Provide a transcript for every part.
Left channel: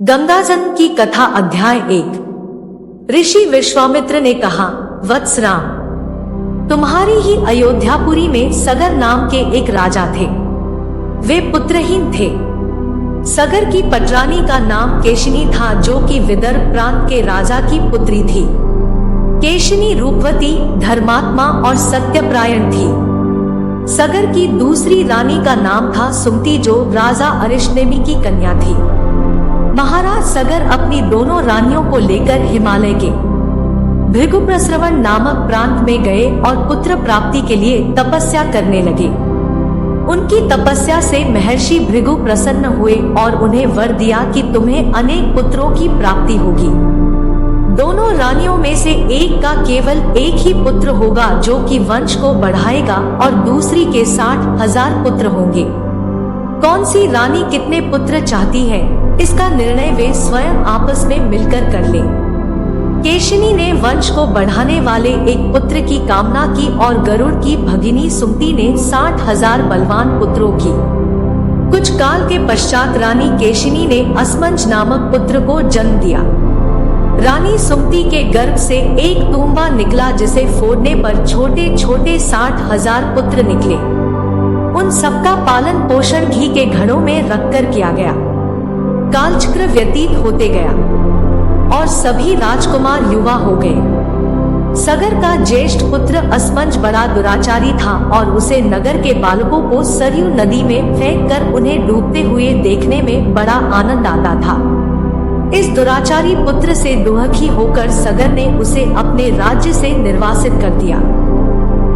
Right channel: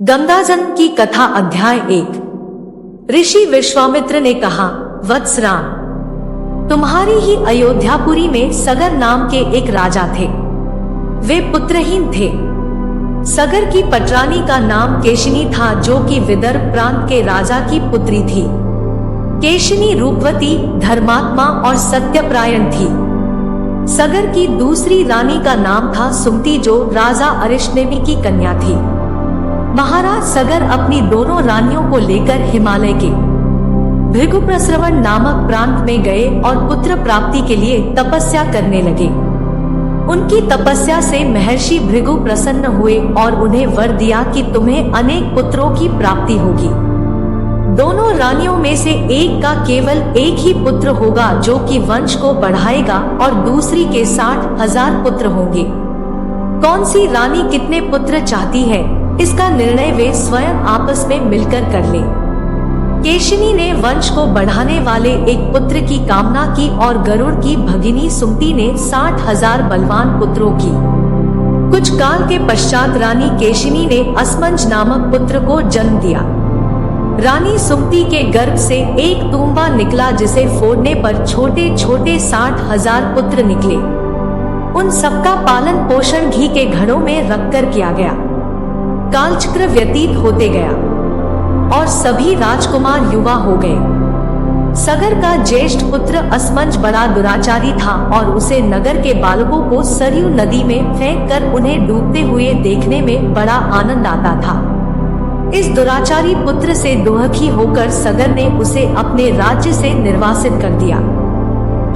गंगाजल की कथा अध्याय 1। ऋषि विश्वामित्र ने कहा, वत्स राम, तुम्हारी ही अयोध्यापुरी में सगर नाम के एक राजा थे। वे पुत्रहीन थे। सगर की पटरानी का नाम केशिनी था, जो कि विदर्भ प्रांत के राजा की पुत्री थी। केशिनी रूपवती, धर्मात्मा और सत्यपरायण थी। सगर की दूसरी रानी का नाम था सुमति, जो राजा अरिष्टनेमि की कन्या थी। महाराज सगर अपनी दोनों रानियों को लेकर हिमालय के भृगुप्रस्रवण नामक प्रांत में गए और पुत्र प्राप्ति के लिए तपस्या करने लगे। उनकी तपस्या से महर्षि भृगु प्रसन्न हुए और उन्हें वर दिया कि तुम्हें अनेक पुत्रों की प्राप्ति होगी। दोनों रानियों में से एक का केवल एक ही पुत्र होगा, जो कि वंश को बढ़ाएगा, और दूसरी के 60,000 पुत्र होंगे। कौन सी रानी कितने पुत्र चाहती है, इसका निर्णय वे स्वयं आपस में मिलकर कर ले। केशिनी ने वंश को बढ़ाने वाले एक पुत्र की कामना की और गरुड़ की भगिनी सुमति ने 60,000 बलवान पुत्रों की। कुछ काल के पश्चात रानी केशिनी ने असमंज नामक पुत्र को जन्म दिया। रानी सुमति के गर्भ से एक तूंबा निकला, जिसे फोड़ने पर छोटे छोटे 60,000 पुत्र निकले। उन सबका पालन पोषण घी के घड़ों में रखकर किया गया। कालचक्र व्यतीत होते गया और सभी राजकुमार युवा हो गए। सगर का ज्येष्ठ पुत्र असमंज बड़ा दुराचारी था और उसे नगर के बालकों को सरयू नदी में फेंककर उन्हें डूबते हुए देखने में बड़ा आनंद आता था। इस दुराचारी पुत्र से दुखी होकर सगर ने उसे अपने राज्य से निर्वासित कर दिया।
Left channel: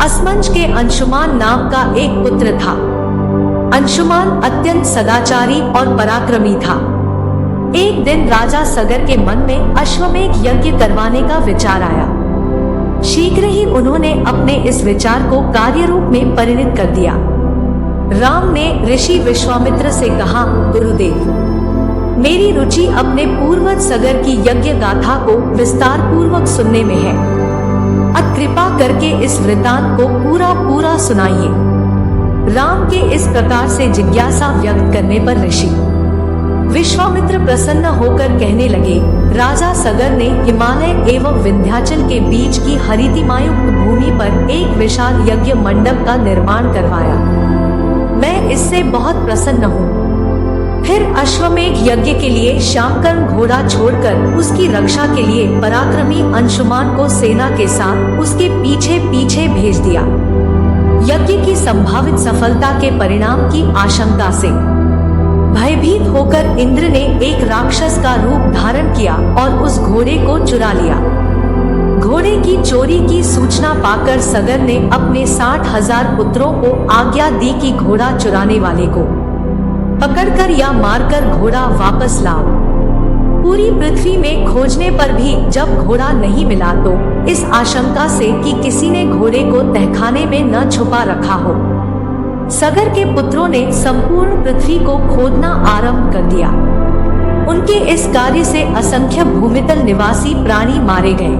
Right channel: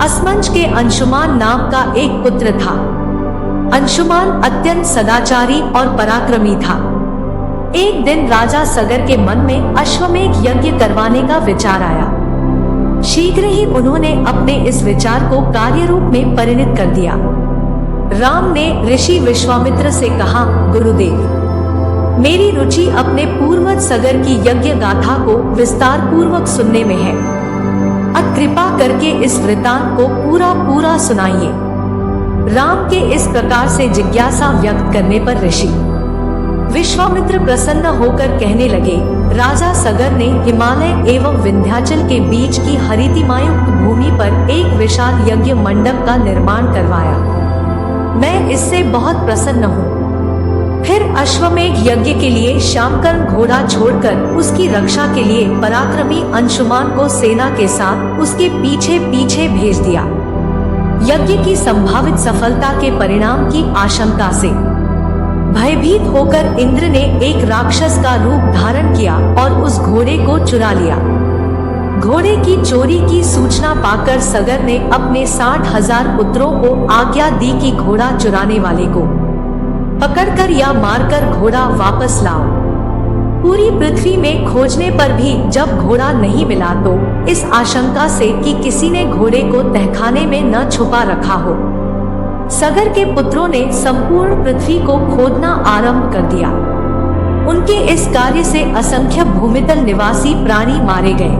असमंज के अंशुमान नाम का एक पुत्र था। अंशुमान अत्यंत सदाचारी और पराक्रमी था। एक दिन राजा सगर के मन में अश्वमेध यज्ञ करवाने का विचार आया। शीघ्र ही उन्होंने अपने इस विचार को कार्य रूप में परिणत कर दिया। राम ने ऋषि विश्वामित्र से कहा, गुरुदेव, मेरी रुचि अपने पूर्वज सगर की यज्ञ गाथा को विस्तार पूर्वक सुनने में है। अत कृपा करके इस वृतांत को पूरा सुनाइए। राम के इस प्रकार से जिज्ञासा व्यक्त करने पर ऋषि विश्वामित्र प्रसन्न होकर कहने लगे, राजा सगर ने हिमालय एवं विंध्याचल के बीच की हरितिमायुक्त भूमि पर एक विशाल यज्ञ मंडप का निर्माण करवाया। मैं इससे बहुत प्रसन्न हूँ। फिर अश्वमेध यज्ञ के लिए शामकर्ण घोड़ा छोड़कर उसकी रक्षा के लिए पराक्रमी अंशुमान को सेना के साथ उसके पीछे पीछे भेज दिया। यज्ञ की संभावित सफलता के परिणाम की आशंका से भयभीत होकर इंद्र ने एक राक्षस का रूप धारण किया और उस घोड़े को चुरा लिया। घोड़े की चोरी की सूचना पाकर सगर ने अपने 60,000 पुत्रों को आज्ञा दी कि घोड़ा चुराने वाले को पकड़कर या मारकर घोड़ा वापस लाओ। पूरी पृथ्वी में खोजने पर भी जब घोड़ा नहीं मिला, तो इस आशंका से कि किसी ने घोड़े को तहखाने में न छुपा रखा हो, सगर के पुत्रों ने संपूर्ण पृथ्वी को खोदना आरंभ कर दिया। उनके इस कार्य से असंख्य भूमितल निवासी प्राणी मारे गए।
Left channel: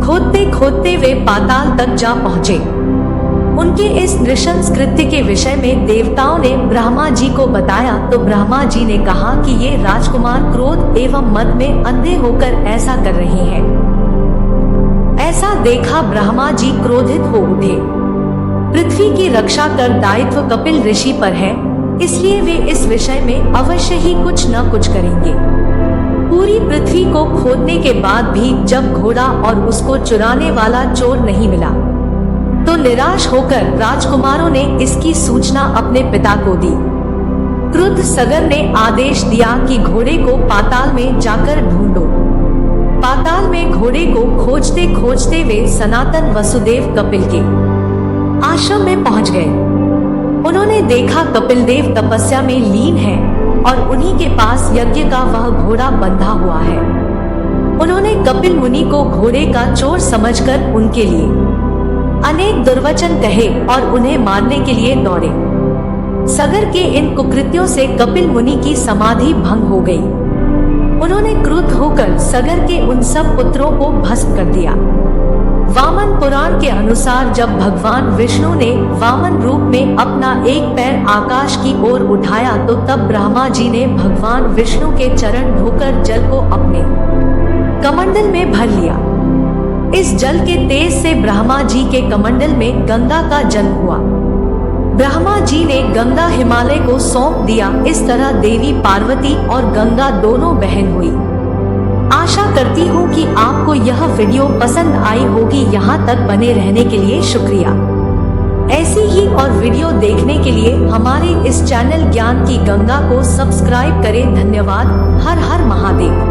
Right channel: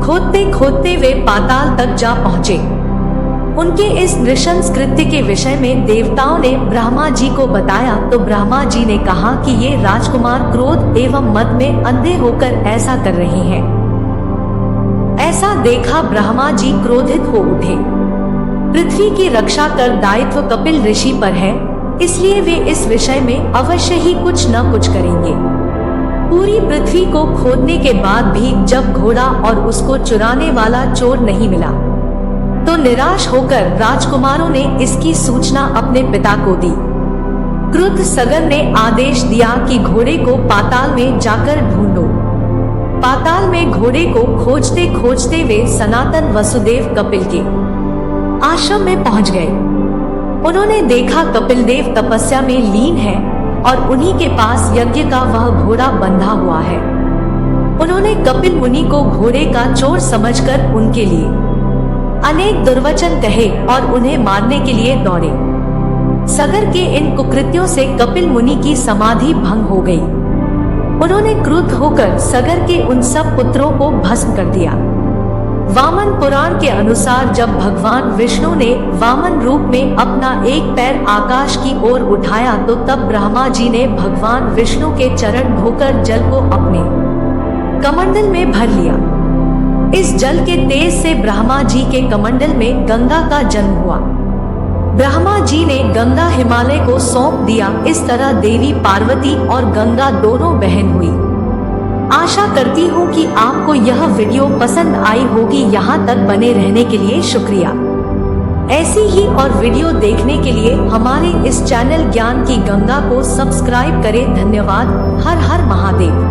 खोदते खोदते वे पाताल तक जा पहुँचे। उनके इस नृशंस कृत्य के विषय में देवताओं ने ब्रह्मा जी को बताया, तो ब्रह्मा जी ने कहा कि ये राजकुमार क्रोध एवं मद में अंधे होकर ऐसा कर रहे हैं। ऐसा देखा ब्रह्मा जी क्रोधित हो उठे। पृथ्वी की रक्षा कर दायित्व कपिल ऋषि पर है, इसलिए वे इस विषय में अवश्य ही कुछ न कुछ करेंगे। पूरी पृथ्वी को खोदने के बाद भी जब घोड़ा और उसको चुराने वाला चोर नहीं मिला, तो निराश होकर राजकुमारों ने इसकी सूचना अपने पिता को दी। क्रुद्ध सगर ने आदेश दिया कि घोड़े को पाताल में जाकर ढूंढो। पाताल में घोड़े को खोजते खोजते वे सनातन वसुदेव कपिल के आश्रम में पहुंच गए। उन्होंने देखा कपिल देव तपस्या में लीन है और उन्हीं के पास यज्ञ का वह घोड़ा बंधा हुआ है। उन्होंने कपिल मुनि को घोड़े का चोर समझकर उनके लिए अनेक दुर्वचन कहे और उन्हें मारने के लिए दौड़े। सगर के इन कुकृत्यों से कपिल मुनि की समाधि भंग हो गई। उन्होंने क्रुद्ध होकर सगर के उन सब पुत्रों को भस्म कर दिया। वामन पुराण के अनुसार जब भगवान विष्णु ने वामन रूप में अपना एक पैर आकाश की ओर उठाया तो तब ब्रह्मा जी ने भगवान विष्णु के चरण धोकर जल को अपने कमंडल में भर लिया। इस जल के तेज से ब्रह्मा जी के कमंडल में गंगा का जन्म हुआ। ब्रह्मा जी ने गंगा हिमालय को सौंप दिया। इस तरह देवी पार्वती और गंगा दोनों बहन हुई। आशा करती हूँ कि आपको यह वीडियो पसंद आई होगी। यहाँ तक बने रहने के लिए शुक्रिया। ऐसी ही और वीडियो देखने के लिए हमारे इस चैनल ज्ञान की गंगा को सब्सक्राइब करें। धन्यवाद। हर हर महादेव।